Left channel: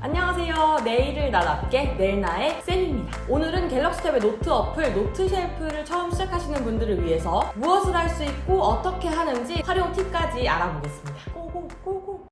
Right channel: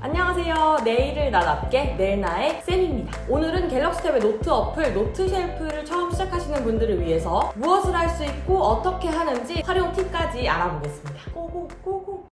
안녕하세요. 내일을 나답게 내일나의 쌤입니다. 오늘은 갤럭시 탭의 노트 어플 노트 쉘프를 처음 시작하시는 분들을 위해서 무엇을 할 수 있고 어떻게 하는지 활용 팁까지 알아보겠습니다. 고고고고!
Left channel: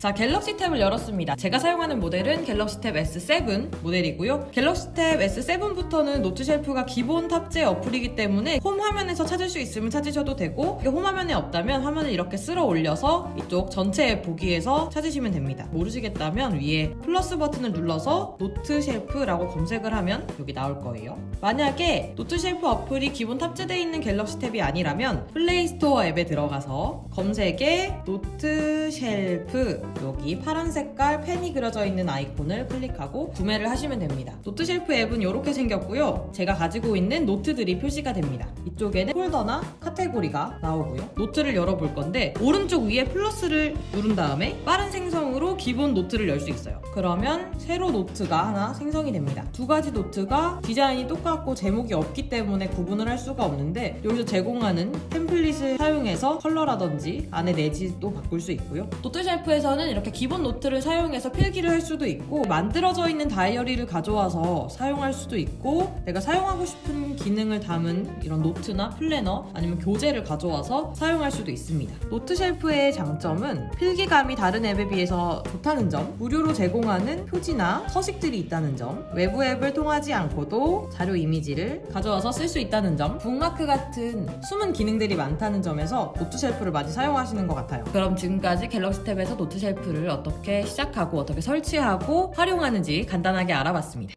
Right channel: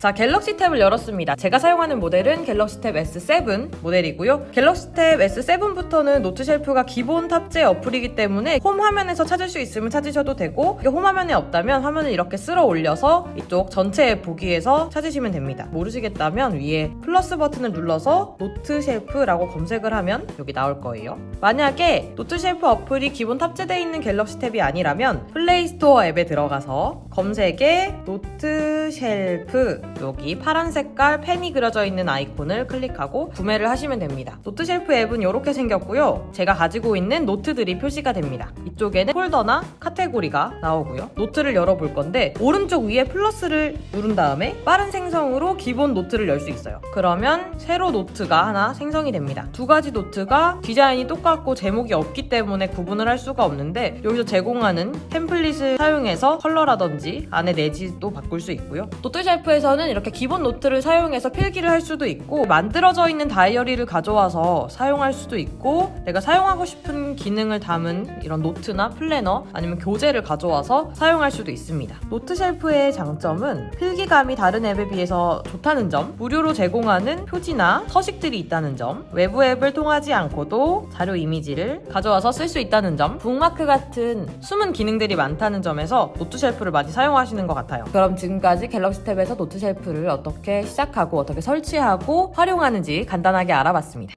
자, 갤럭시 탭을 열었습니다. 제가 사용하는 모델은 갤럭시 탭 S7 모델이고요. 갤럭시 탭 S7부터는 노트 쉘프가 기본 탑재 어플이기 때문에 홈 화면에서 찾을 수 있으면 찾으셔도 되고, 홈 화면에 없다면 화면을 이렇게 쓸어 올려서 이쪽 전체 보기에서 찾으시면 됩니다. 모르시겠다면 위에 플러스 버튼을 눌러서 노트 쉘프라고 검색을 하면 여기 나올 거예요. 만약에 노트 쉘프 어플이 기본 탑재되어 있는 갤럭시 탭이 아니라면 플레이 스토어 앱에 들어가서 검색에 노트 쉘프, 여기 파란 색깔 펜이 그려져 있는 아이콘을 클릭하고 구매를 하시면 됩니다. 노트 쉘프 앱은 이렇게 생겼고요. 제가 가지고 있는 노트들이 표시가 됩니다. 이쪽에는 폴더나 카테고리가 나오고요. 노트를 열어볼 건데 오른쪽 위에 플러스를 누른 다음에 빠른 생성으로 기본 노트를 열 수 있어요. 그러면 새로 노트가 하나 생성이 됩니다. 두 가지 노트가 디자인이 똑같고 제목이 없기 때문에 구분을 할 수가 없는데, 여기서 제공하는 템플릿을 사용해서 컬러라든지 안에 내지도 바꿀 수 있고요. 노트 쉘프에서는 이렇게 기본 노트를 사용해서 필기를 할 수도 있고, 만들어져 있는 다이어리를 가져와서 사용할 수도 있고, 내가 사용하고 싶은 기능을 담은 이런 노트나 플래너 아니면 교재를 가져와서 사용할 수도 있습니다. 노트 쉘프의 장점은 필기감이 다른 앱에 비해서 좋다는 점, 무료로 제공하는 표지나 서식들이 있다는 점, 외부 앱을 통하지 않고도 자료 이미지를 가져와서 쓸 수 있다는 점, 북마크 같은 숨은 기능들이 많다는 점에서 노트 쉘프를 많이 사용하시는 것 같아요. 그럼 지금까지 갤럭시 탭에서 노트 쉘프를 어떻게 시작하고 어떻게 설치하고 활용하는지 간단하게 알아봤습니다.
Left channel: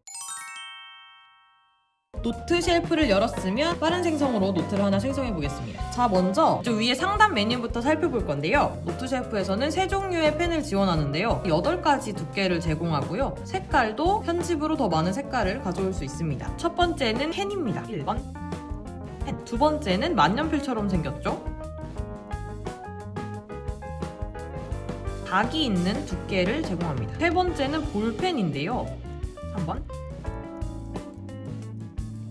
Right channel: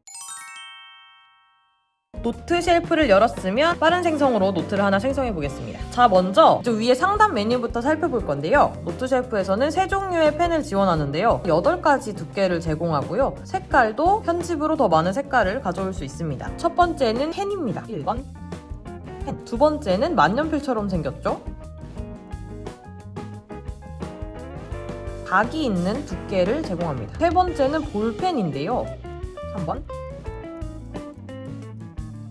노트 쉘프를 열었으면 빠른 생성으로 노트를 하나 생성해 보겠습니다. 자, 먼저 위에 상단 메뉴부터 살펴볼 건데요. 노트 쉘프에서는 세 종류의 펜을 지원하는데요. 8가지 두께를 제공하고요. 색깔도 편집으로 더 많은 색깔을 가져올 수 있습니다. 첫 번째는 펜입니다. 1번 펜. 두 번째는 만년필처럼 생겼죠? 각이 있는 두께를 제공합니다. 세 번째는 볼펜인데요. 3번.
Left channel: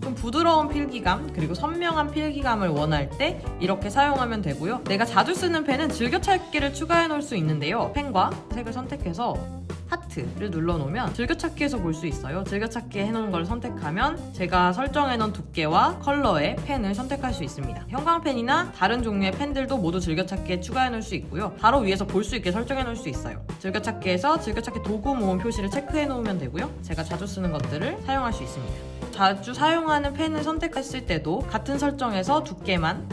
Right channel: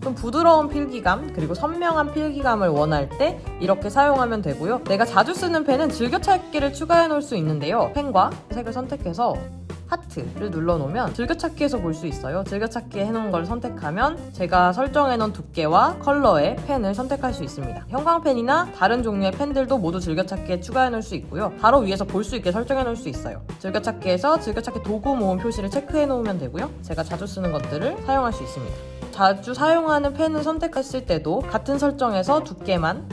좀 부드러운 필기감, 그리고 선명한 필기감을 원할 때 이렇게 사용하면 되고요. 내가 자주 쓰는 펜은 즐겨찾기를 추가해 놓을 수 있는데요. 펜과 색을 선택해서 하트를 눌러놓으면 즐겨찾기에서 볼 수 있어요. 즐겨찾기 해놓은 걸 선택하면 제가 설정해놓은 두께와 컬러의 펜을 선택할 수 있습니다. 형광펜이나 다른 종류의 펜들도 모두 즐겨찾기에 추가해놓을 수 있고요. 바로 위에서 볼 수 있게 설정해놓을 수 있어요. 즐겨찾기에서 즐겨찾기 도구 모음 표시를 체크해놓으면 되고요. 제가 자주 쓰는 것들을 사용할 수 있습니다. 자주 사용하는 펜을 선택했을 때도 같은 설정에서 두께만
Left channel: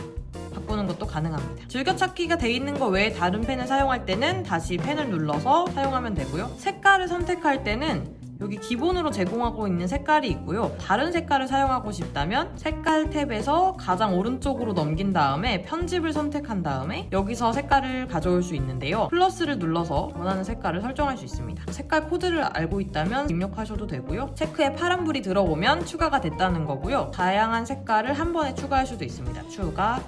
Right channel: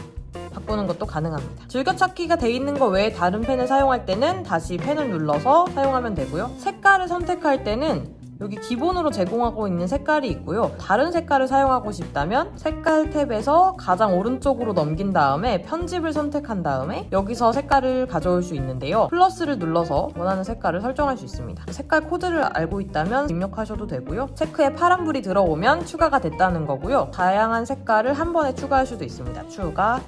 바꾸는 것도 가능합니다. 즐겨찾기가 돼 있는 거 외에 다른 펜을 사용할 때는 다시 펜을 눌러서 사용하면 되고요. 색깔을 선택할 때는 여기 기본으로 제공하고 있는 색깔이 있고요. 다른 색깔을 사용하고 싶다면 색깔 탭에서 가장 오른쪽으로 넘긴 다음에 편집을 선택한 다음에 여기서 색깔을 가져올 수 있는데요. 플러스를 눌러서 원하는 색깔을 설정할 수 있습니다. 색깔 코드를 알고 있다면 입력하셔도 되고요. 체크에 파란불이 들어오면 추가가 됐다는 거고요. 다양한 색깔을 한 번에 추가할 수도 있습니다.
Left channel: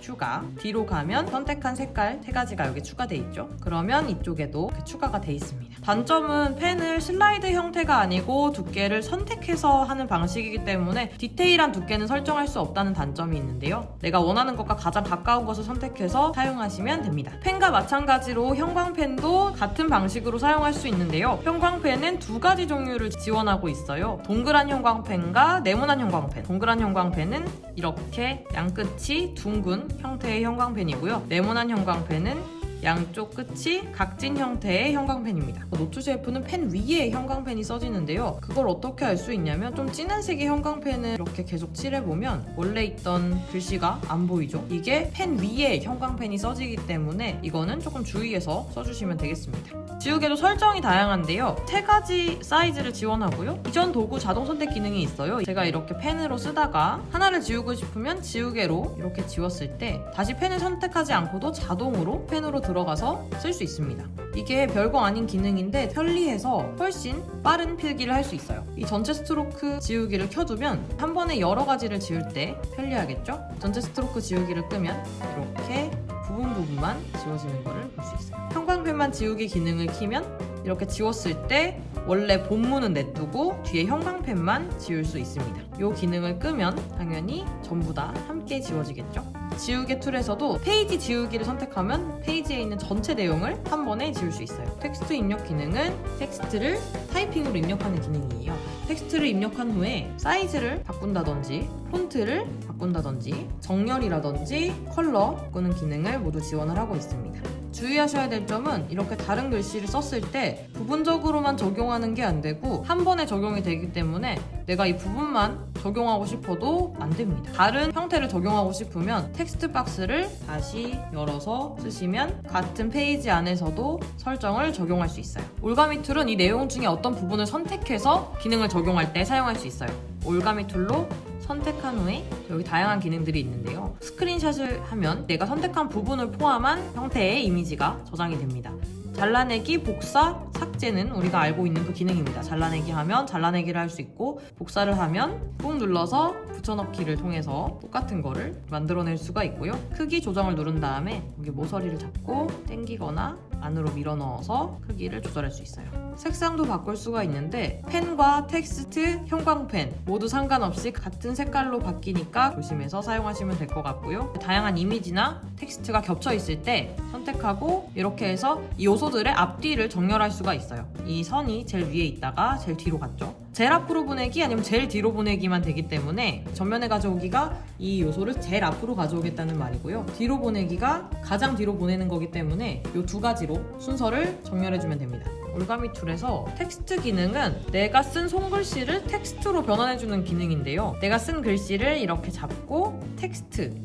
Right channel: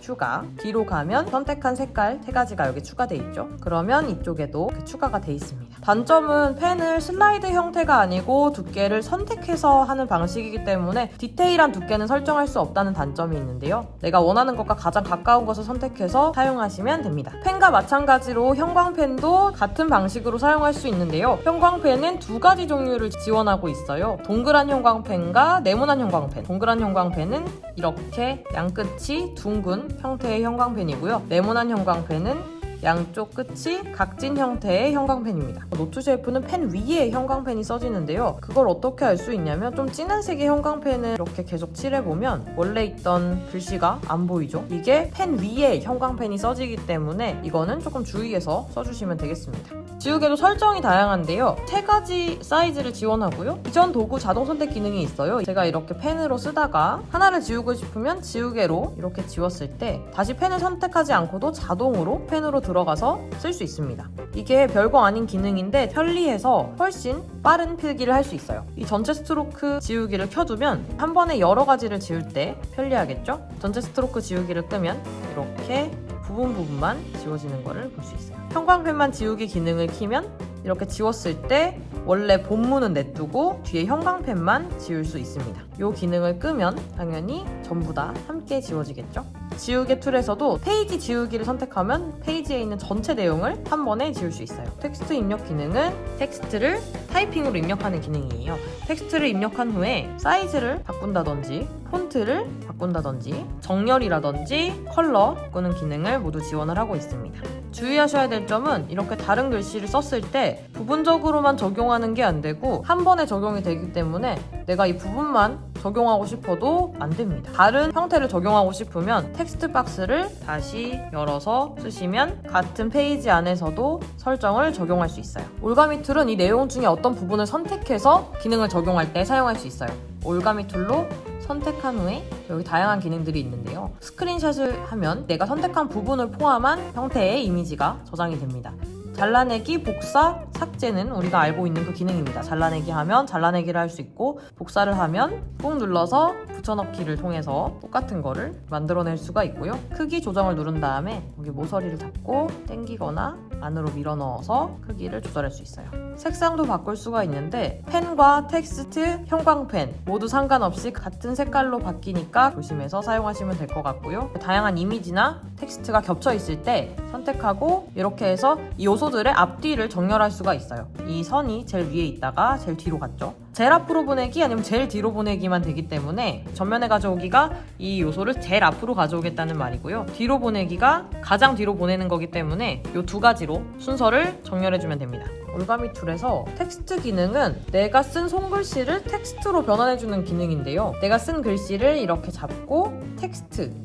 추가. 뒤로 가면 선택한 색깔 3가지가 여기 추가돼 있죠. 그러면 이쪽에도 추가가 돼 있습니다. 단점은 펜을 슬라이드 형태가 아니고 두께를 선택해서 하는 방식이기 때문에 디테일한 두께는 설정할 수 없다는 단점이 있는데요. 내가 원하는 것과 가장 가까운 것을 선택해서 사용하시면 됩니다. 펜과 마찬가지로 형광펜도 같은 방식으로 사용할 수 있는데요. 형광펜은 2가지 종류를 지원하고 있어요. 동그란 형광펜과 네모난 형광펜. 동그란 형광펜은 이렇게 양끝이 둥근 형태의 형광펜이고요. 네모난 형광펜은 양쪽 끝이 각진 형태의 형광펜입니다. 노트 쉘프는 펜 위에 형광펜이 써지는데요. 그걸 어떻게 알 수 있냐면 좀 진한 색의 형광펜을 이렇게 계속 칠해보면 원래 있던 글씨가 안 보이죠? 이게 펜 위에 형광펜이 써지기 때문에 이거는 조금 주의해서 써주시면 되겠습니다. 지우개도 설정이 다양한데요. 3가지 사이즈를 지원하고요. 이전 도구 자동 선택 기능이 있어요. 제가 이렇게 펜으로 쓰다가 하나를 지우고 싶으면 지우개로 이렇게 지웠을 때 다시 펜을 선택하지 않고도 자동으로 펜으로 들어가서 쓸 수 있습니다. 이게 별거 아닌 기능인데 편리해서 훨씬 빠른 필기를 할 수 있어요. 이 전체 스트로크 지우기를 켜두면 한 번에 여러 가지를 지울 때 편리하겠죠? 전체 스트로크 지우기를 끄면 이렇게 부분만 지워지는 거를 볼 수 있어요. 형광펜만 지우기 기능을 키면 이렇게 지웠을 때 원래 본문은 냅두고 뒤에 형광펜만 지울 수 있습니다. 이 기능을 끄면 당연히 전부 다 함께 지워지겠죠? 지우개 툴에서도 페이지 지우기를 선택하면 페이지에 있는 전체 내용을 한 번에 지울 수 있어요. 텍스트 입력 기능은 텍스트를 타이핑으로 입력하는 기능이에요. 텍스트를 입력한 후에 사이즈를 바꾼다든지 폰트를 바꾼다든지 정렬이라든지 컬러 바꾸는 기능을 모두 지원을 하고 있습니다. 주의하셔야 될 점은 이렇게 다른 글씨를 썼을 때 부분적으로만 적용하는 게 안 되고 한 번에 적용이 되기 때문에 내가 이 부분만 적용하고 싶어도 안 됩니다. 다른 형태를 적용하고 싶으면 텍스트 박스를 다시 열어서 쓰시면 같은 페이지 안에서도 설정을 적용할 수 있어요. 올가미 툴은 이 내용 중에 어떤 부분을 선택해서 기능을 적용할 때 사용할 수 있어요. 올가미 툴로 선택한 후에 여기 다양한 기능들이 있는데요. 스크린샷을 하면 내가 선택한 부분을 포함한 형태의 이미지가 저장이 됩니다. 잘라내기, 복사, 삭제는 우리가 알고 있는 그 기능입니다. 잘라내기 하면 잘라내기를 할 수 있고 복사를 하면 꾹 눌러서 붙여넣기를 통해서 똑같은 거를 만들어낼 수가 있고요. 크기 조정을 누른 다음에 여기 모서리를 잡고 당기거나 안으로 밀어 넣어서 크기를 조절할 수 있어요. 색상도 바꿀 수가 있는데 펜과 텍스트, 형광펜 모두 상관없이 같은 색깔로 바뀌니까 조심해서 사용하시면 될 것 같고요. 다양한 이미지나 텍스트가 겹쳐 있을 때 선택하고 이렇게 해서 이 요소들의 앞뒤를 정렬할 수가 있어요. 이 선이 제일 위에 있다가 제일 뒤로 갔죠. 제일 앞으로 보내기 아니면 제일 뒤로 보내기만 되기 때문에 전면에 가져오기가 이 요소를 제일 앞으로 가져오겠다는 말이고요. 뒤로 보내기가 가장 뒤로 보내는 거기 때문에 이 두 가지로 순서를 정렬해주면 됩니다. 올가미 툴에서 텍스트 기능은 내가 쓴 손글씨를 텍스트로 변환해주는 기능인데요. 내가 쓴 글씨를 이렇게 잡고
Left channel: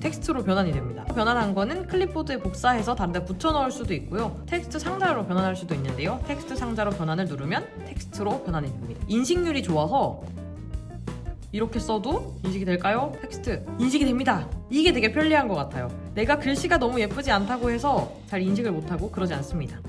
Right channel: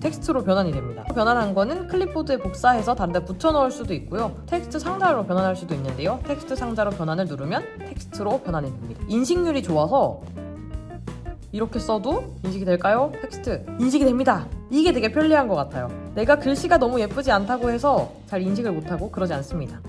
텍스트로 변환이 됩니다. 변환한 거는 클립보드에 복사해서 다른 데 붙여 넣을 수도 있고요. 텍스트 상자로 변환할 수도 있는데요. 텍스트 상자로 변환을 누르면 텍스트로 변환이 됩니다. 인식률이 좋아서 이렇게 써도 인식이 될까요? 텍스트 인식이 됩니다. 이게 되게 편리한 것 같아요. 내가 글씨가 너무 예쁘지 않다고 해서 잘 인식을 못하고 그러지 않습니다.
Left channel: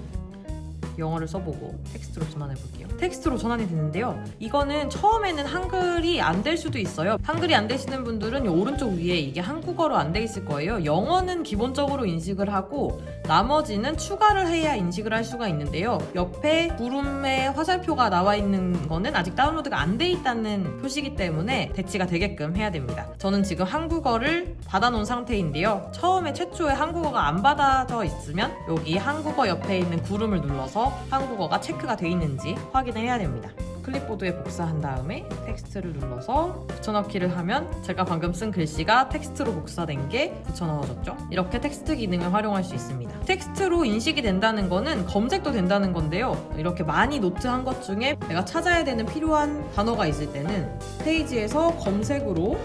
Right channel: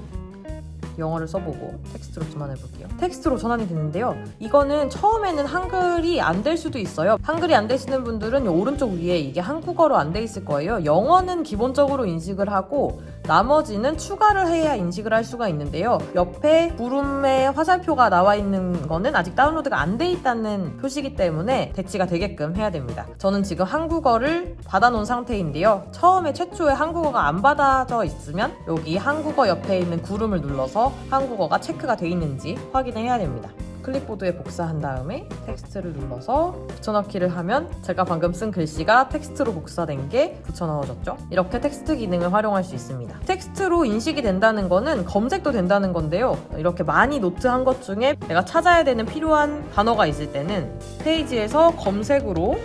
영어를 써보고 텍스트로 전환해볼게요. 텍스트로 전환이 됐는데요. 이거는 처음에는 한글이 안 될 수도 있어요. 한글이 안 되시는 분들은 오른쪽 위에 이게 한국어로 안 돼 있을 거예요. 영어는 기본적으로 인식을 하고 나머지는 추가를 해야 인식을 할 수가 있는데요. 옆에 구름의 화살표가 나와 있는 거는 아직 다운로드가 안 돼 있다는 표시이기 때문에 대치가 되게끔 해야 됩니다. 저는 지금 한국어를 받아놓은 상태인데요. 처음에 최초에 한국어가 안 받아져 있으면 여기 한국어 옆에 있는 구름을 눌러서 한국어가 체크가 돼 있는지 확인을 해야 됩니다. 클립보드에 복사한 다음에 텍스트를 눌러서 붙여넣기를 하면 제가 방금 쓴 글씨가 텍스트로 복사된 게 붙여넣어졌죠. 이렇게 텍스트 기능을 활용할 수 있습니다. 텍스트로 인식이 된다는 거는 검색도 된다는 건데요. 이렇게 많이 노트한 것 중에 내가 찾아야 되는 필요한 단어가 있을 때는 페이지에서 검색으로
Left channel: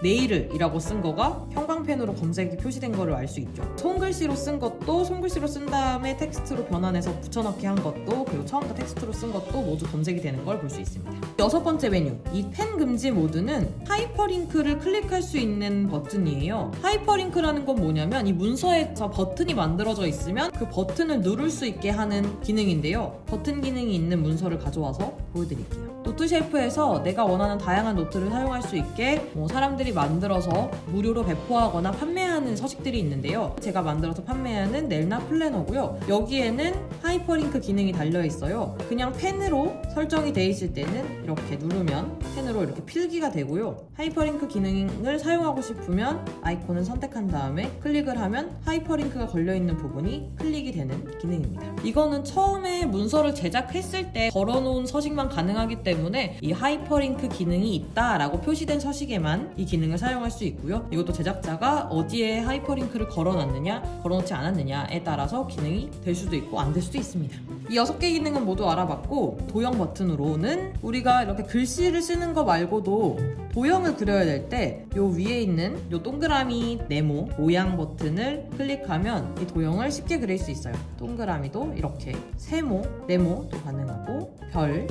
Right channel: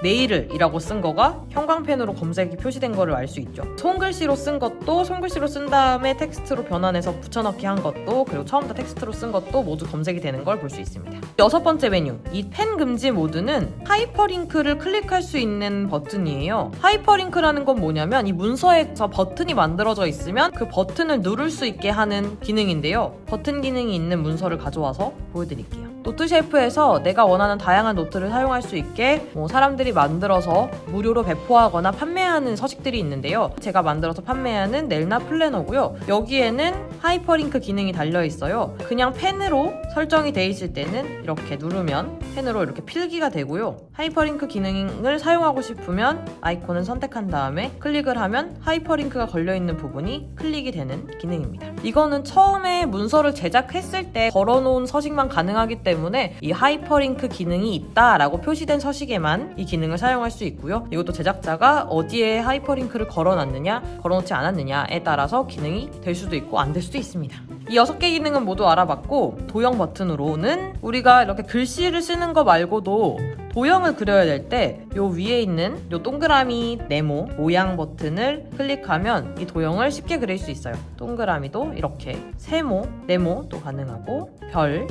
네일이라고 쓴 거가 형광펜으로 검색이 표시된 거를 알 수 있죠. 손글씨로 쓴 것도 손글씨로 쓴 다음에 텍스트로 변환해서 붙여넣기 한 것도 그리고 처음부터 텍스트로 쓴 것도 모두 검색이 되는 걸 볼 수 있습니다. 6번째 메뉴, 이 펜 금지 모드는 하이퍼링크를 클릭할 수 있는 버튼이에요. 하이퍼링크라는 건 뭐냐면 이 문서에서 버튼이 만들어져 있으면 그 버튼을 누를 수 있게 하는 기능인데요. 버튼 기능이 있는 문서를 가져와서 보여드릴게요. 노트 셰프에서 내가 원하는 다양한 노트를 사용할 수 있게 사람들이 만들어서 무료로 배포하거나 판매하는 서식들이 있는데요. 제가 만들어서 판매하는 넬나 플래너고요. 여기에는 하이퍼링크 기능이 달려 있어요. 그냥 펜으로 설정이 돼 있을 때는 이렇게 누르면 펜으로 이렇게 필기가 되고요. 하이퍼링크 기능을 사용하고 싶으면 아이콘을 선택한 다음에 클릭을 하면 하이퍼링크가 걸려있는 부분이 클릭이 되는 기능입니다. 이거는 처음에 문서를 제작했을 때 걸어놓은 서식만 가능하기 때문에 이 하이퍼링크 기능이 있다라고 표시된 서식에만 이 기능을 사용할 수 있고요. 이것도 제작자가 어디에 하이퍼링크를 걸어놨느냐 걸어놓지 않았느냐에 따라서 기능이 될 수도 있고 안 될 수도 있습니다. 이 6개 기능은 모두 알아봤고 도형 버튼으로는 우리가 이렇게 글씨를 쓰는 거 말고도 도형을 그려야 될 때 요 위에 있는 요 동그라미 네모 모양 버튼을 클릭하면 이 도형을 쉽게 그릴 수 있어요. 동그라미도 이렇게 세모, 네모도 가능하고 별,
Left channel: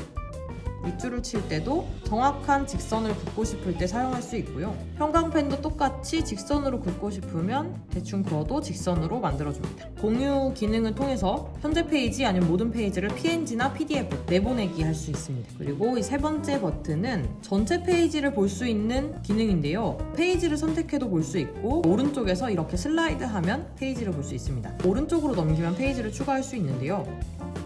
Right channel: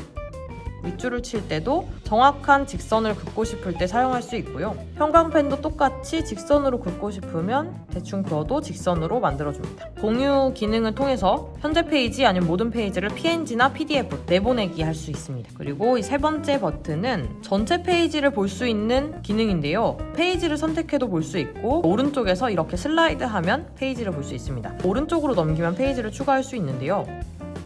밑줄을 칠 때도 정확한 직선을 긋고 싶을 때 사용할 수 있고요. 형광펜도 똑같이 직선으로 긋고 싶으면 대충 그어도 직선으로 만들어줍니다. 공유 기능을 통해서 현재 페이지 아니면 모든 페이지를 PNG나 PDF 내보내기 할 수 있습니다. 그리고 이 3번째 버튼은 전체 페이지를 볼 수 있는 기능인데요. 페이지를 선택해도 볼 수 있고 오른쪽에서 이렇게 슬라이드하면 페이지를 볼 수 있습니다. 오른쪽으로 넘기면 페이지를 추가할 수 있는데요.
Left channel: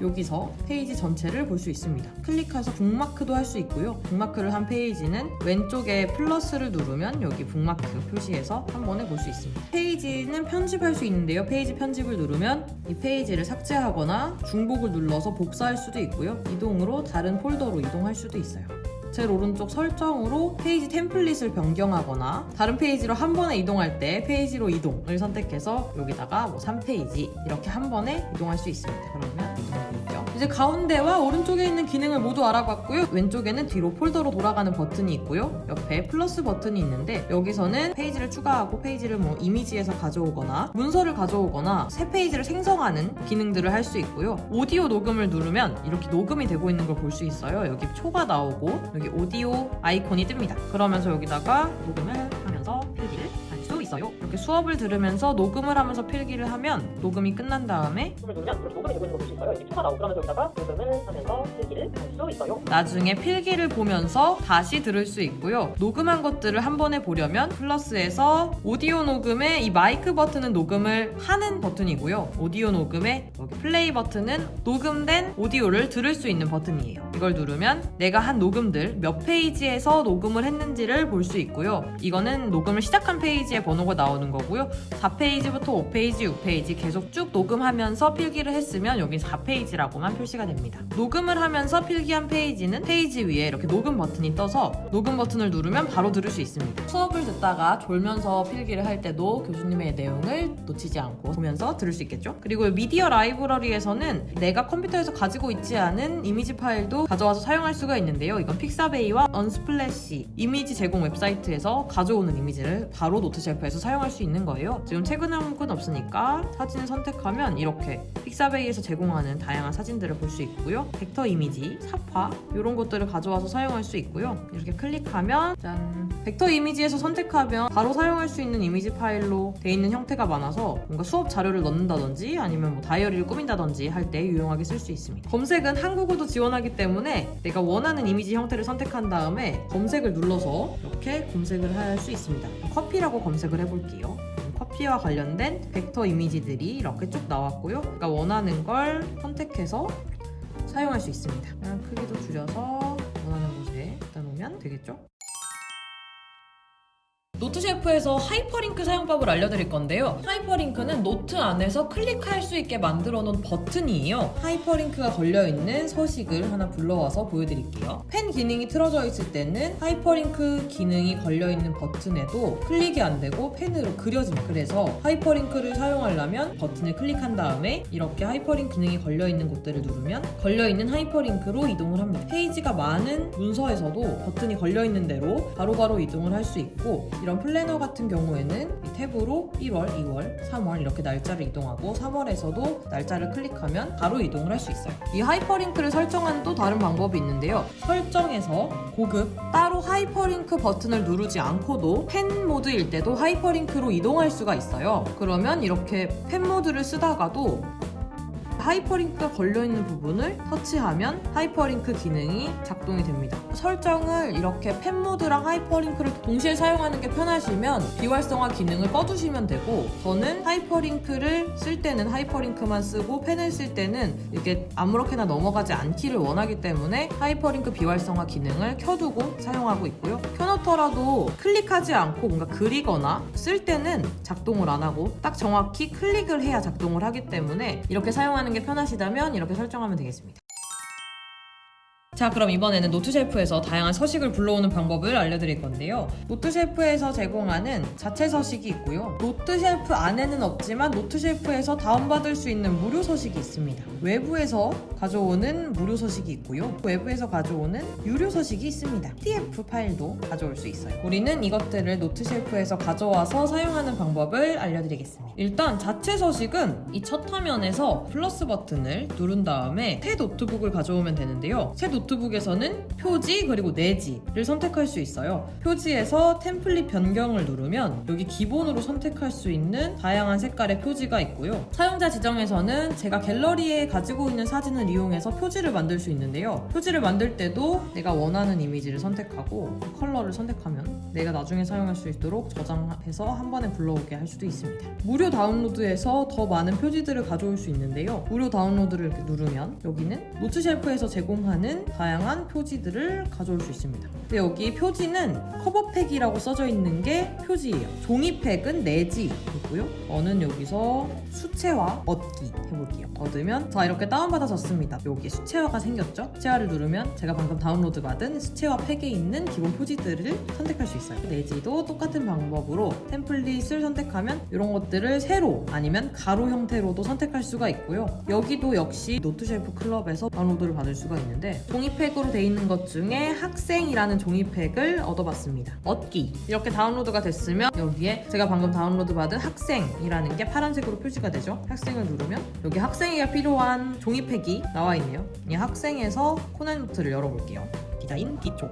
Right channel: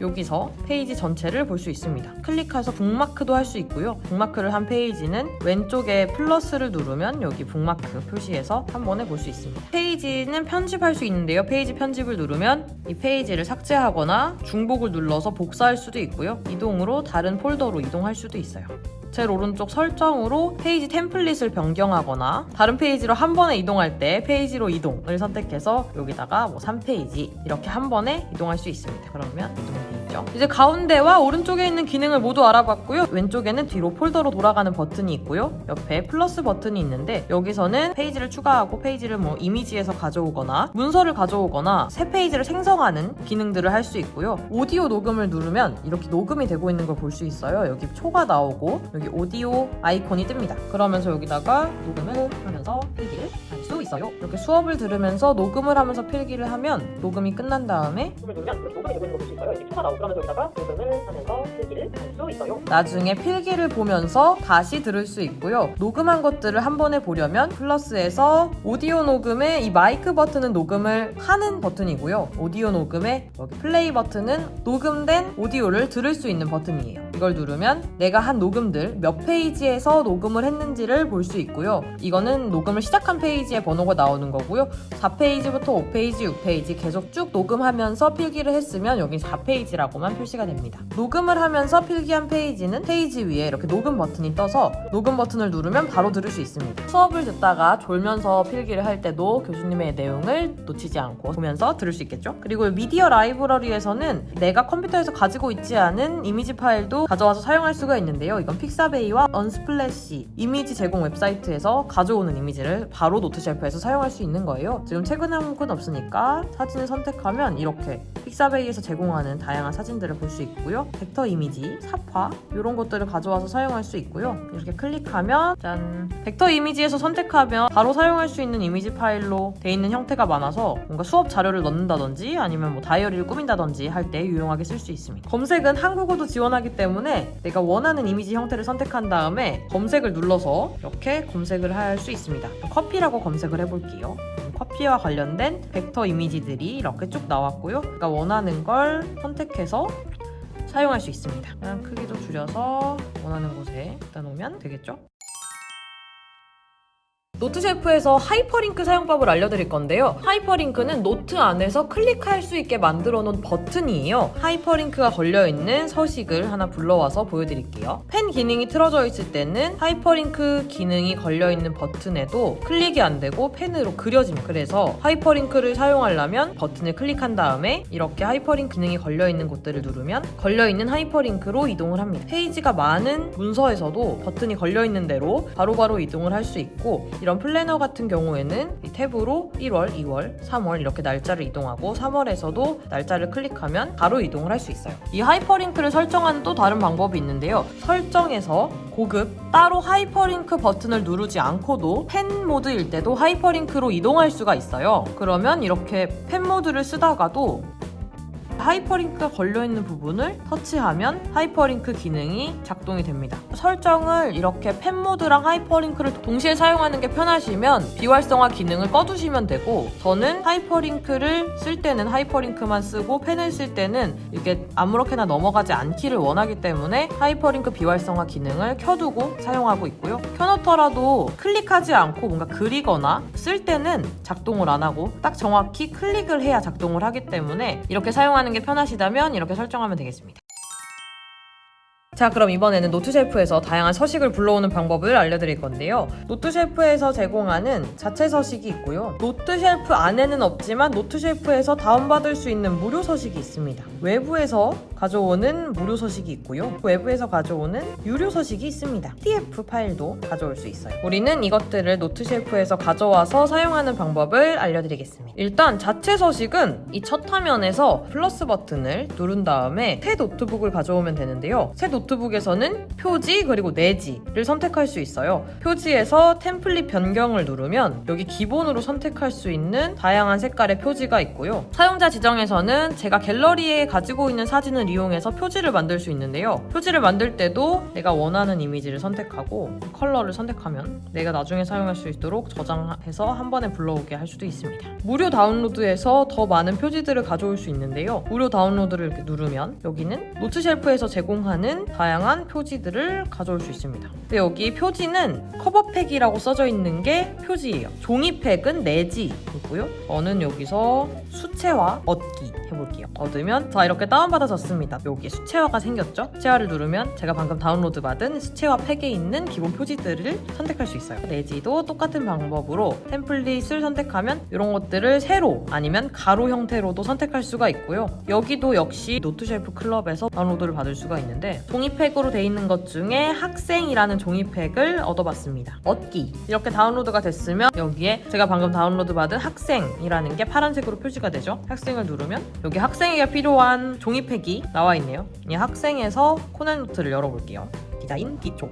여기서 페이지 전체를 볼 수 있습니다. 클릭해서 북마크도 할 수 있고요. 북마크를 한 페이지는 왼쪽에 플러스를 누르면 여기 북마크 표시해서 한 번에 볼 수 있습니다. 페이지는 편집할 수 있는데요. 페이지 편집을 누르면 이 페이지를 삭제하거나 중복을 눌러서 복사할 수도 있고요. 이동으로 다른 폴더로 이동할 수도 있어요. 제일 오른쪽 설정으로 페이지 템플릿을 변경하거나 다른 페이지로 한 번에 이동할 때 페이지로 이동을 선택해서 여기다가 뭐 3페이지 이렇게 한 번에 이동할 수 있습니다. 그러면 이동이 되죠. 이제 가운데와 오른쪽에 있는 기능을 모두 알아봤고요. 왼쪽에는 뒤로 폴더로 돌아가는 버튼이 있고요. 옆에 플러스 버튼이 있는데 여기서는 페이지를 추가하고 페이지를 뭐 이미지에서 가져오거나 문서를 가져오거나 새 페이지를 생성하는 기능들을 할 수 있고요. 오디오 녹음을 누르면 이렇게 녹음이 되고 있는 걸 볼 수 있어요. 여기 초가 나오고 여기 오디오 아이콘이 뜹니다. 그러면서 여기다가 녹음을 하면서 필기를 할 수 있어요. 이렇게 수업을 들으면서 녹음을 하면서 필기를 하면 녹음이 끝난 다음에 녹음을 누르면 이렇게 녹음이 되고 있는 걸 볼 수 있어요. 이렇게 초가 나오고 그러면서 여기다가 녹음을 하면서 필기를 할 수 있어요. 나중에 필기를 보면서 다시 들을 수 있고요. 녹음한 것들을 한 번에 보려면 플러스에서 오디오 녹음의 이 마이크 버튼은 녹음을 하는 버튼이고요. 오디오 녹음의 여기 플레이 버튼은 녹음된 오디오를 들을 수 있는 버튼이에요. 이걸 누르면 내가 한 녹음들 몇 페이지에서 녹음을 했는지를 볼 수 있고요. 이거는 녹음을 시작한 페이지의 번호가 나오는 거고요. 4페이지부터 5페이지, 6페이지 계속 쭉 녹음하면서 필기를 했으면 여기 4페이지라고만 표시가 됩니다. 녹음을 하면서 필기한 페이지는 페이지 위에 이렇게 녹음 버튼이 떠서 녹음 버튼을 누르면 바로 들을 수 있습니다. 수업을 듣다가 졸면서 필기를 할 때도 교수님의 내용을 놓치지 않고 보면서 들을 수 있겠죠? 그리고 미디어 라이브러리에서는 내가 컴퓨터에서 가지고 있지 않은 이미지 파일도 가져와서 사용할 수가 있는데요. 이건 픽사베이와 언스플래시 이미지 제공 웹사이트에서 가져오는 이미지를 바로 노트쉘프에서 사용할 수 있는 거예요. 지금 최근에 한 건 없으니까 사진을 선택하면 이렇게 픽사베이에서 제공하는 다양한 사진들을 볼 수 있고요. 벡터 이미지, 사파 이런 것들을 가져와서 사용할 수 있고요. 이렇게 클릭하면 짠! 벡터 이미지에서 선택하면 바로 사용할 수 있는 이미지 파일로 돼 있는 형태가 많아서 뭔가 수업 자료를 넣는다든지 아니면 뭐 다이어리를 꾸민다든지 할 때 유용하게 쓸 수 있습니다. 검색은 한국어도 지원하기 때문에 내가 원하는 이미지 형태를 선택한 다음에 검색을 눌러서 이렇게 검색을 할 수 있습니다. 커피라고 검색을 해볼게요. 커피와 관련된 벡터 이미지들이 이렇게 쭉 나왔고요. 내가 원하는 걸 선택해서 사용할 수 있습니다. 그냥 크기도 줄여서 원하는 곳에 갖다 놓으면 되겠죠? 노트쉘프에서 하이퍼링크 사용법을 알려드릴 건데요. 하이퍼링크는 노트 안에서 클릭할 수 있게 만들어 놓은 버튼이에요. 하이퍼링크가 걸려있는 서식을 하나 불러와서 보여드릴게요. 펜 기능이 틀어져 있을 때는 하이퍼링크 기능이 걸려있는 버튼에도 클릭이 안 되고 펜으로 그려집니다. 그래서 하이퍼링크를 사용하려면 버튼을 클릭한 다음에 이렇게 하이퍼링크 기능이 걸려있는 곳들을 누르면 걸려있는 하이퍼링크로 이동을 합니다. 페이지가 많은 문서에서도 버튼이 걸려있는 대로 바로바로 이동을 할 수 있고 이런 플래너 같은 경우에는 이 탭으로 1월, 2월, 3월 이렇게 날짜를 이동하고 3월에서도 날짜를 클릭하면 바로 이동을 할 수 있어요. 이 하이퍼링크를 설정하는 또 다른 방법이 있는데요. 설정에서 고급 따로 하이퍼링크 버튼을 누르지 않고도 펜 모드일 때도 하이퍼링크로 이동할 수가 있어요. 그러면 이렇게 펜 모드를 쓰다가도 하이퍼링크가 걸려있는 부분을 터치하면 하이퍼링크 기능이 작동이 됩니다. 설정을 이렇게 펜 모드랑 하이퍼링크를 동시에 사용하는 게 편하시면 비활성화 기능을 꺼두시면 되고 저는 하이퍼링크를 쓸 때는 하이퍼링크만 쓰고 펜을 쓸 때는 이렇게 아무렇게나 넘어가지 않기를 원하기 때문에 하이퍼링크 비활성화 기능을 켜두고 사용하고 있고요. 켜놓더라도 클릭하지 않고 뭔가 그리거나 쓸 때는 작동을 안 하고 딱 정확히 클릭을 해야 작동을 하기 때문에 이렇게 사용하는 게 편하시다면 이렇게 설정하면 되겠습니다. 자, 그럼 이번에는 노트쉘프에서 다양한 서식을 불러오는 방법을 알려드릴 건데요. 노트쉘프에서 제공하는 자체 서식이 있고요. 노트쉘프 안에는 없지만 노트쉘프에서 다운받을 수 있는 무료 서식이 있습니다. 외부에서 가져오는 무료 서식이 있고요. 외부에서 가져오는 유료 서식이 있습니다. PDF 파일도 가져올 수 있어요. 우리는 이것들을 노트쉘프에서 가져와서 사용하는 방법을 알려드리겠습니다. 일단 자체 서식은 이 첫 화면에서 플러스 버튼을 누른 다음에 새 노트북을 가져오면 되는데요. 새 노트북 노트북에서는 표지 그리고 내지를 선택할 수 있어요. 표지에서 템플릿 변경을 누르면 여기 기본으로 선택할 수 있는 다양한 색깔의 표지가 있고요. 사용자 지정에서는 제가 갤러리에 가지고 있는 사진을 이용해서 표지를 만들 수 있는데요. 표지를 만들 때도 내가 원하는 이미지를 선택하고 컬러를 선택하면 내가 나중에 사용할 수 있도록 저장해서 한 번에 불러오게 할 수도 있습니다. 무료 다운로드에서 더 많은 표지들을 가져올 수 있는데요. 무료 다운로드를 이렇게 누르면 여기는 노트쉘프에서 제공하는 다양한 표지들을 가져올 수 있습니다. 근데 여기 표지는 커버팩이라고 써져 있는 게 표지예요. 종이팩은 내지이고요. 저는 여기서 수채화 얻기 해볼게요. 얻으면 자 이렇게 다운받아졌습니다. 여기에 수채화가 생겼죠? 수채화를 누르면 제가 방금 다운로드 받은 수채화 팩에 있는 기본 표지들을 선택할 수 있어요. 내지도 똑같은 방법으로 템플릿을 선택하면 이런 것들을 세로 아니면 가로 형태로도 선택할 수가 있고요. 여기도 역시 노트쉘프 클럽에서 다운로드를 받을 수가 있는데 종이팩으로 돼 있는 것 중에 학생이라는 종이팩을 얻어봤습니다. 얻기 이렇게 다운로드가 됐으면 여기에 제가 방금 다운로드 받은 학생이라는 게 파란색으로 표시가 되죠. 학생을 누르면 여기 학생에게 필요한 종이팩이 나와 있네요. 이 학생에서 코넬 노트를 열어볼게요. 디자인 기초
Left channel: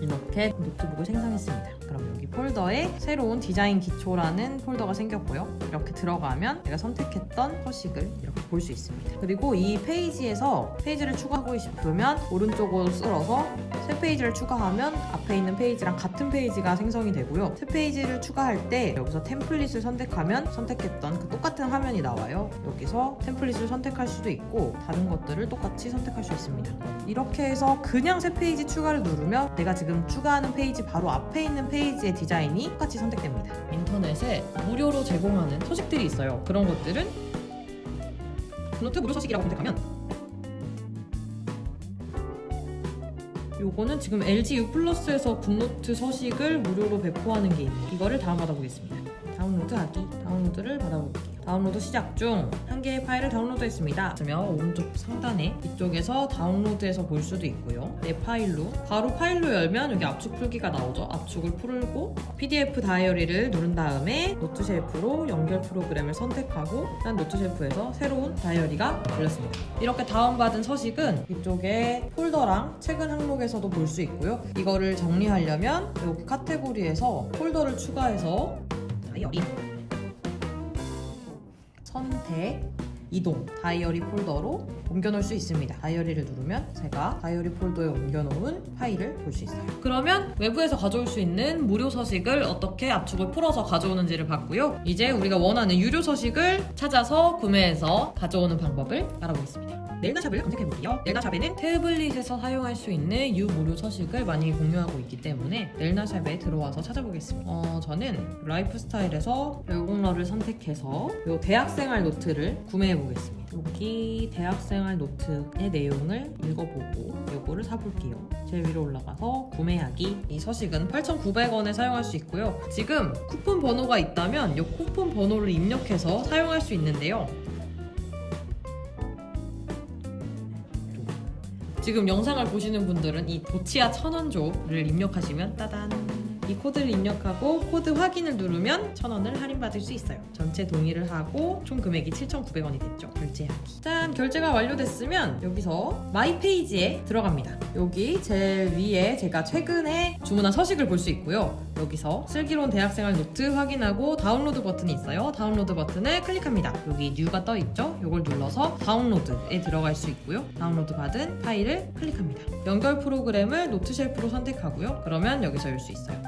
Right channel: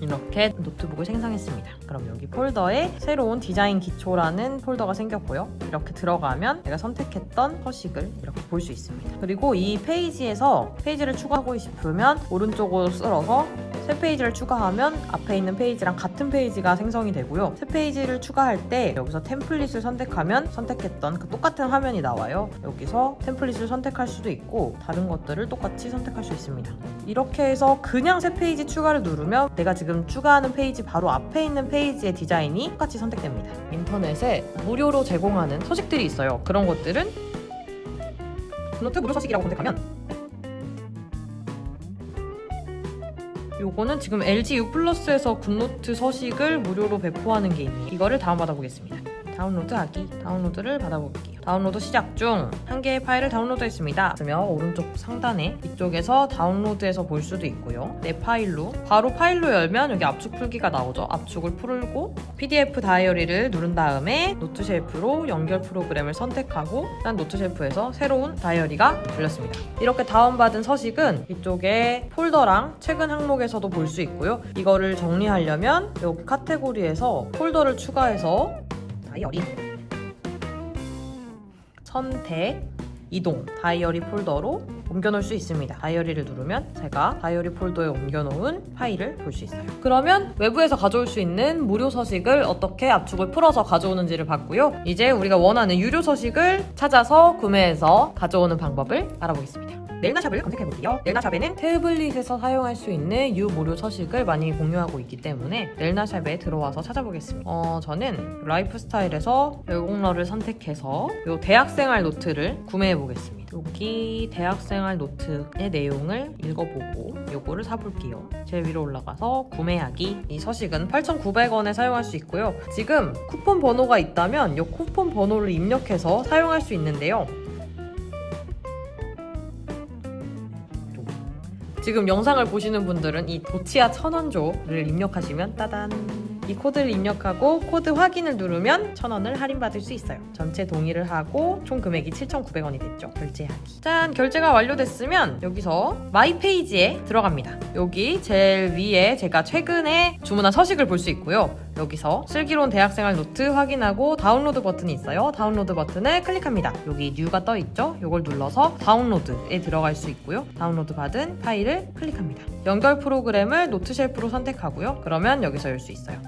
이렇게 노트북을 생성했습니다. 그럼 여기 폴더에 새로운 디자인 기초라는 폴더가 생겼고요. 이렇게 들어가면 내가 선택했던 서식을 이렇게 볼 수 있습니다. 그리고 이 페이지에서 페이지를 추가하고 싶으면 오른쪽으로 쓸어서 새 페이지를 추가하면 앞에 있는 페이지랑 같은 페이지가 생성이 되고요. 새 페이지를 추가할 때 여기서 템플릿을 선택하면 선택했던 그 똑같은 화면이 나와요. 여기서 템플릿을 선택할 수도 있고 다른 것들을 똑같이 선택할 수 있습니다. 이렇게 해서 그냥 새 페이지 추가를 누르면 내가 지금 추가하는 페이지 바로 앞에 있는 페이지의 디자인이 똑같이 선택됩니다. 인터넷에 무료로 제공하는 서식들이 있어요. 그런 것들은 굿노트 무료 서식이라고 검색하면 요거는 지금 LG U 플러스에서 굿노트 서식을 무료로 배포하는 게 있네요. 이거를 다운받아 보겠습니다. 다운로드하기, 다운로드를 받아볼게요. 다운로드 시작 중 한 개의 파일을 다운로드했습니다. 그러면 오른쪽 상단에 이쪽에서 다운로드해서 볼 수도 있고요. 내 파일로 바로 파일로 열면 여기 압축 풀기가 나오죠. 압축을 풀고 PDF 다이어리를 누른 다음에 노트쉘프로 연결 프로그램을 선택하고 일단 노트쉘프에서 새로운 다이어리가 열렸습니다. 이렇게 다운받은 서식은 이쪽에 폴더랑 최근 항목에서도 볼 수 있고요. 이거를 정리하려면 여기 카테고리에서 폴더를 추가해서 다이어리 선택 이동 다이어리 폴더로 옮겨놓을 수 있습니다. 다이어리를 누르면 제가 다이어리 폴더에 옮겨놓은 파일을 볼 수 있어요. 그러면 외부에서 가져올 수 있는 무료 서식을 어떻게 압축을 풀어서 가져오는지를 봤고요. 이제 우리가 원하는 유료 서식을 찾아서 구매해서 가져오는 방법을 알아보겠습니다. 넬나샵을 검색해볼게요. 넬나샵에는 태블릿에서 사용할 수 있는 유무료 서식을 많이 공유하고 있기 때문에 넬나샵에 들어와서 찾아보겠습니다. 저는 라이프스타일에서 열공러를 선택해서 이 대학생활 노트를 구매해보겠습니다. 여기 대학생활 노트의 내용을 읽어보고 요거를 사볼게요. 제일 위로 올라가서 구매하기. 이 서식은 8,900원에 사용할 수 있고요. 지금 쿠폰 번호가 있다면 이 쿠폰 번호를 입력해서 사용할 수 있는데요. 지금 영상을 보시는 분들은 이 도치아 1000원조를 입력하시면 따단 이 코드를 입력하고 코드 확인을 누르면 1000원을 할인받을 수 있어요. 전체 동의를 하고 총 금액이 7,900원이 됐죠. 결제하기. 짠! 결제가 완료됐으면 여기서 마이 페이지에 들어갑니다. 여기 제일 위에 제가 최근에 주문한 서식을 볼 수 있고요. 여기서 슬기로운 대학생활 노트 확인하고 다운로드 버튼이 있어요. 다운로드 버튼을 클릭합니다. 여기 뉴가 떠 있죠? 이걸 눌러서 다운로드에 들어갈 수 있고요. 다운로드 받은 파일을 클릭합니다. 연결 프로그램을 노트쉘프로 선택하고요. 그러면 여기서 열 수 있어요.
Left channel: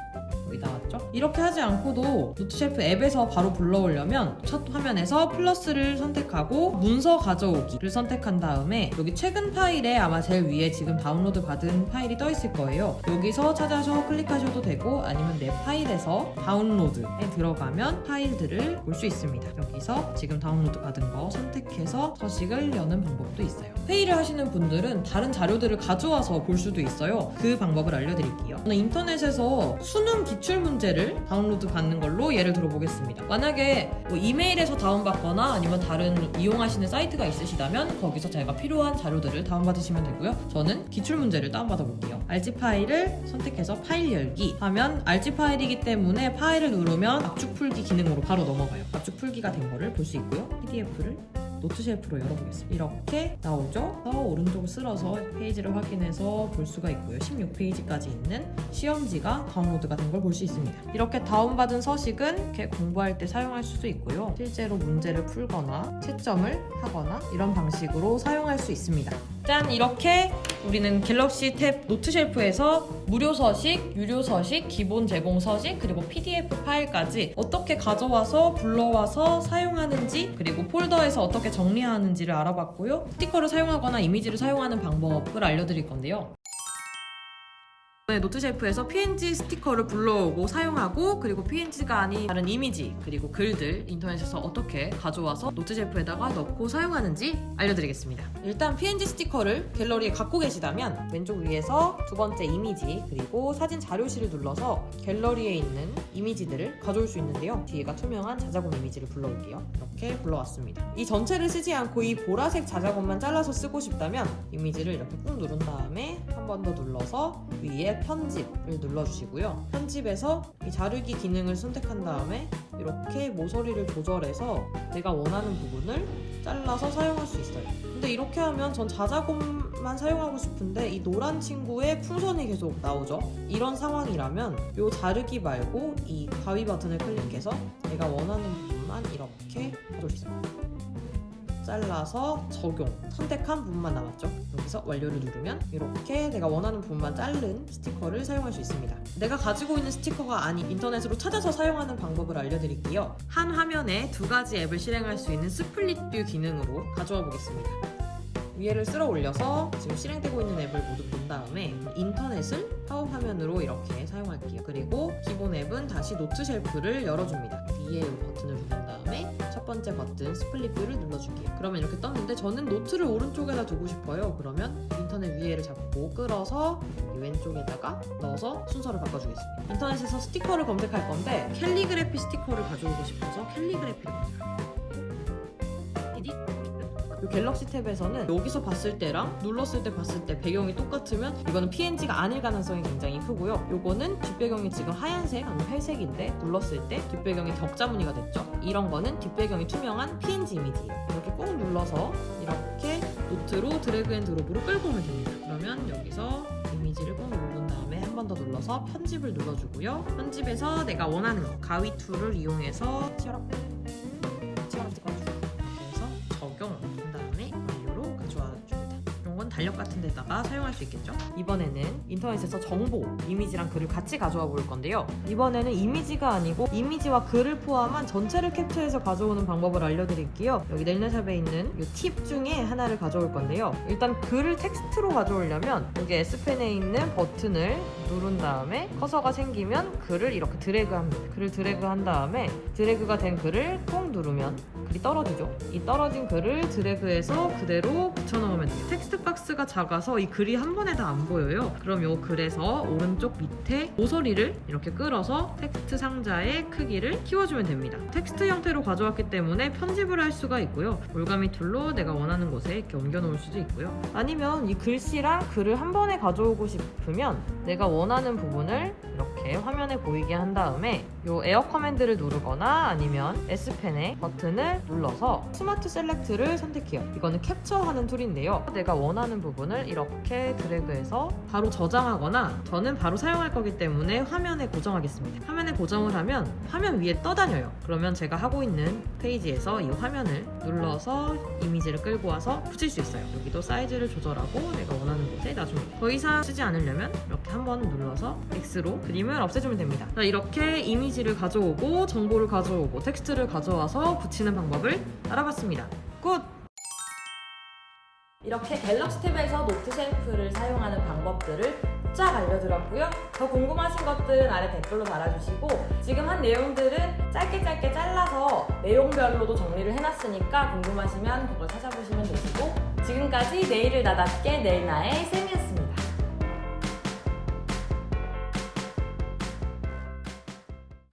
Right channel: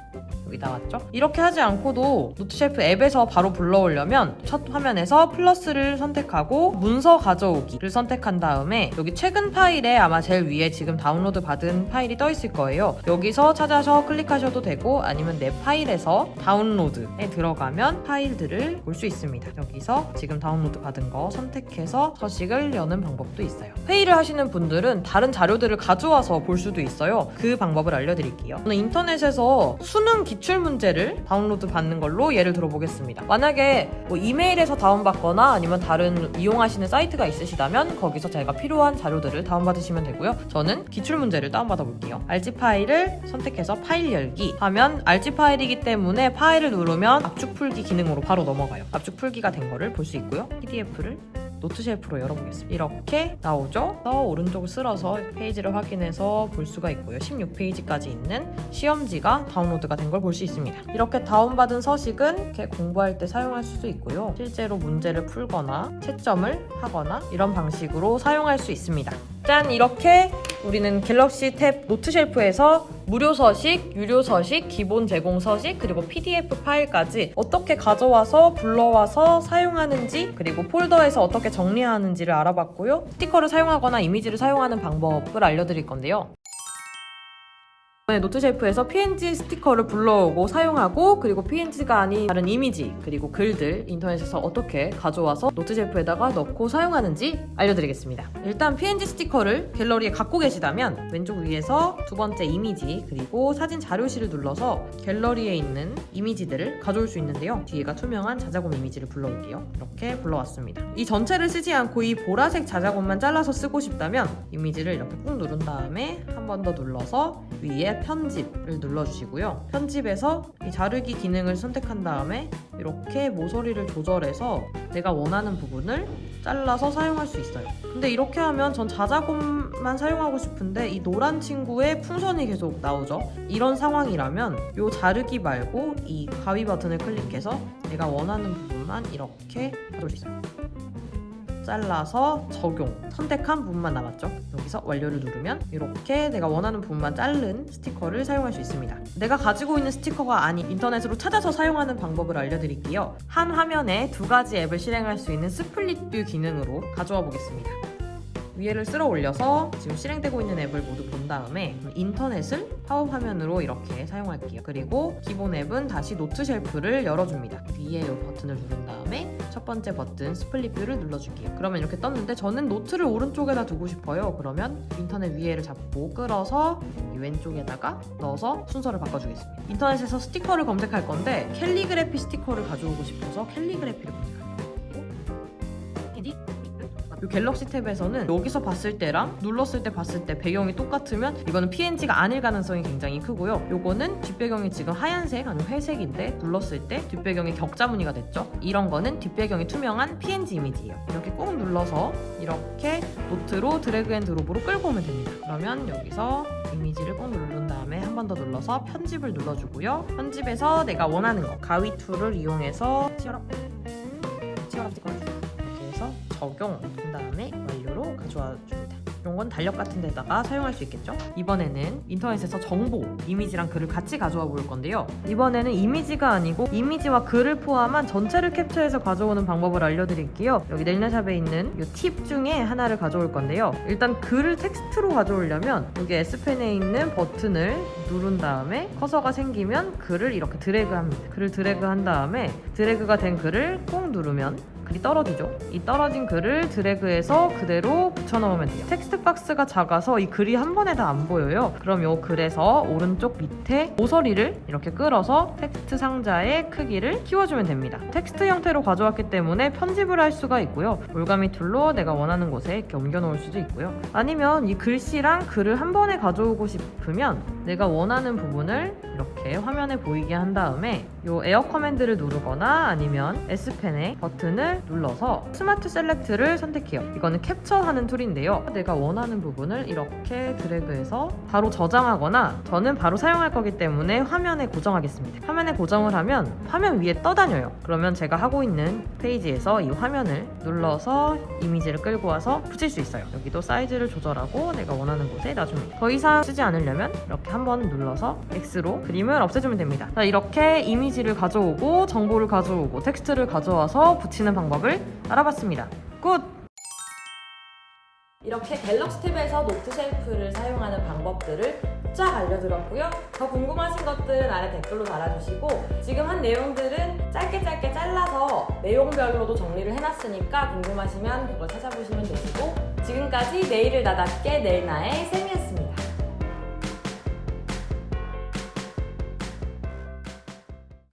여기 나왔죠? 이렇게 하지 않고도 노트쉘프 앱에서 바로 불러오려면 첫 화면에서 플러스를 선택하고 문서 가져오기를 선택한 다음에 여기 최근 파일에 아마 제일 위에 지금 다운로드 받은 파일이 떠 있을 거예요. 여기서 찾아서 클릭하셔도 되고 아니면 내 파일에서 다운로드에 들어가면 파일들을 볼 수 있습니다. 여기서 지금 다운로드 받은 거 선택해서 서식을 여는 방법도 있어요. 회의를 하시는 분들은 다른 자료들을 가져와서 볼 수도 있어요. 그 방법을 알려드릴게요. 저는 인터넷에서 수능 기출 문제를 다운로드 받는 걸로 예를 들어보겠습니다. 만약에 뭐 이메일에서 다운받거나 아니면 다른 이용하시는 사이트가 있으시다면 거기서 제가 필요한 자료들을 다운받으시면 되고요. 저는 기출 문제를 다운받아 볼게요. RG 파일을 선택해서 파일 열기 하면 RG 파일이기 때문에 파일을 누르면 압축 풀기 기능으로 바로 넘어가요. 압축 풀기가 된 거를 볼 수 있고요. PDF를 노트 쉘프로 열어보겠습니다. 이렇게 나오죠? 오른쪽을 쓸어서 페이지를 확인해서 볼 수가 있고요. 16페이지까지 있는 시험지가 다운로드가 된 걸 볼 수 있습니다. 이렇게 다운받은 서식은 이렇게 공부할 때 사용할 수도 있고요. 실제로 문제를 풀거나 채점을 하거나 이런 방식으로 사용할 수 있습니다. 짠! 이렇게 우리는 갤럭시 탭 노트 쉘프에서 무료 서식, 유료 서식, 기본 제공 서식, 그리고 PDF 파일까지 어떻게 가져와서 불러와서 사용하는지, 그리고 폴더에서 어떻게 정리하는지를 알아봤고요. 스티커를 사용하거나 이미지를 사용하는 방법을 알려드릴 건데요. 노트 쉘프에서 PNG 스티커를 불러오고 사용하고, 그리고 PNG가 아닌 다른 이미지 그리고 글들 인터넷에서 어떻게 가져와서 노트 쉘프에다가 넣고 사용하는지 알려드리겠습니다. 일단 PNG 스티커를 갤러리에 갖고 계시다면 왼쪽 위에서 두 번째 이미지 그리고 사진 자료실을 눌러서 갤러리에 있는 이미지들을 가져올 수 있는데요. 뒤에가 투명한 자작원 이미지를 불러올게요. 이렇게 불러왔습니다. 이 전체를 쓰지 않고 이 보라색 자작원만 잘라서 쓰고 싶다면 이미지를 이렇게 꾹 누른 다음에 한 번 더 눌러서 위에 편집을 눌러주시고요. 편집에서 이 자르기 기능을 선택한 다음에 이렇게 모서리를 조절해서 내가 원하는 부분을 잘라서 사용할 수 있어요. 근데 이렇게 하면 전 자작원만 사용하고 싶은데 이 노란 친구의 풍선이 계속 나오죠. 이런 상황이라면 이 자르기 말고 이 가위 버튼을 클릭해서 내가 원하는 부분만 이렇게 해주세요. 잘라서 적용, 선택한 부분만 남았죠. 여기서 완료를 누르면 이렇게 내가 원하는 부분만 자른 스티커를 사용할 수 있습니다. 내가 가지고 있는 스티커가 아닌 인터넷으로 찾아서 사용하는 방법을 알려드릴게요. 한 화면에 두 가지 앱을 실행할 수 있는 스플릿 뷰 기능으로 가져와 보겠습니다. 위에를 쓸어 올려서 지금 실행되고 있는 앱을 모두 본 다음에 인터넷은 파워 화면으로 이렇게 사용할게요. 그리고 기본 앱은 다시 노트 쉘프를 열어줍니다. 위에 이 버튼을 누른 다음에 첫 번째 버튼 스플릿 뷰를 눌러줄게요. 그러면 이렇게 떴는데 저는 노트를 오른쪽에다 두고 싶어요. 그러면 인터넷 위에를 잡고 끌어서 왼쪽에다가 넣어서 순서를 바꿔주겠습니다. 인터넷에서 스티커를 검색할 건데 캘리그래피 스티커를 가져오고 싶어서 캘리그래피를 검색합니다. 이 갤럭시 탭에서는 여기서 봤을 때랑 눌렀을 때 봤을 때 배경이 똑같으면 이거는 PNG가 아닐 가능성이 굉장히 크고요. 요거는 뒷배경이 지금 하얀색 아니면 회색인데 눌렀을 때 뒷배경이 격자 무늬가 됐죠. 이런 거는 뒷배경이 투명한 PNG 이미지예요. 이렇게 꾹 눌러서 이렇게 노트로 드래그 앤 드롭으로 끌고 오면 됩니다. 그러면 여기서 이미지를 꾹 누른 다음에 한 번 더 눌러서 편집을 눌러주고요. 편집에서 내가 원하는 거 가위 툴을 이용해서 적용 다음에 완료로 가져와 줍니다. 이런 건 달력 같은 데다가 사용할 수 있겠죠? 이번에는 인터넷에서 정보, 이미지랑 글을 같이 가져와 볼 건데요. 이번에는 이미지가 아니고 이미지와 글을 포함한 전체를 캡처해서 가져오는 방법을 알려드릴게요. 여기 넬네샵에 있는 이 팁 중에 하나를 가져올 건데요. 일단 글을 텍스트로 가져오려면 여기 S펜에 있는 버튼을 누른 다음에 커서가 생기면 글을 이렇게 드래그합니다. 글을 드래그한 다음에 드래그가 된 글을 꾹 누르면 글이 떨어지죠. 이 떨어진 글을 드래그해서 그대로 붙여넣으면 돼요. 텍스트 박스가 작아서 이 글이 한 번에 다 안 보여요. 그럼 이 글에서 오른쪽 밑에 모서리를 이렇게 끌어서 텍스트 상자의 크기를 키워주면 됩니다. 텍스트 형태로 가져왔기 때문에 편집을 할 수가 있고요. 올가미 툴로 내가 원하는 곳에 이렇게 옮겨놓을 수도 있고요. 아니면 이 글씨랑 글을 한 번에 가져오고 싶으면 내가 원하는 부분을 이렇게 화면에 보이게 한 다음에 이 에어 커맨드를 누르거나 아니면 S펜의 버튼을 눌러서 스마트 셀렉트를 선택해요. 이거는 캡처하는 툴인데요. 내가 원하는 부분을 이렇게 드래그해서 바로 저장하거나 저는 바로 사용할 거기 때문에 화면에 고정하겠습니다. 화면에 고정을 하면 화면 위에 떠다녀요. 그러면 제가 하고 있는 페이지에서 이 화면을 눌러서 이미지를 끌고 와서 붙일 수 있어요. 여기도 사이즈를 조절하고 내가 원하는 곳에 놔줍니다. 더 이상 쓰지 않으려면 이렇게 한번 눌러서 X로 그림을 없애주면 됩니다. 자, 이렇게 이미지를 가져오고 정보를 가져오고 텍스트를 가져와서 붙이는 방법을 알아봤습니다. 굿! 이렇게 갤럭시 탭에서 노트 쉘프를 사용하는 방법들을 쫙 알려드렸고요. 더 궁금하신 것들은 아래 댓글로 달아주시고 지금 한 내용들은 짧게 잘라서 내용별로도 정리를 해놨으니까 궁금하시면 그걸 찾아보시면 되시고 지금까지 내일을 나답게 내일나의 쌤이었습니다.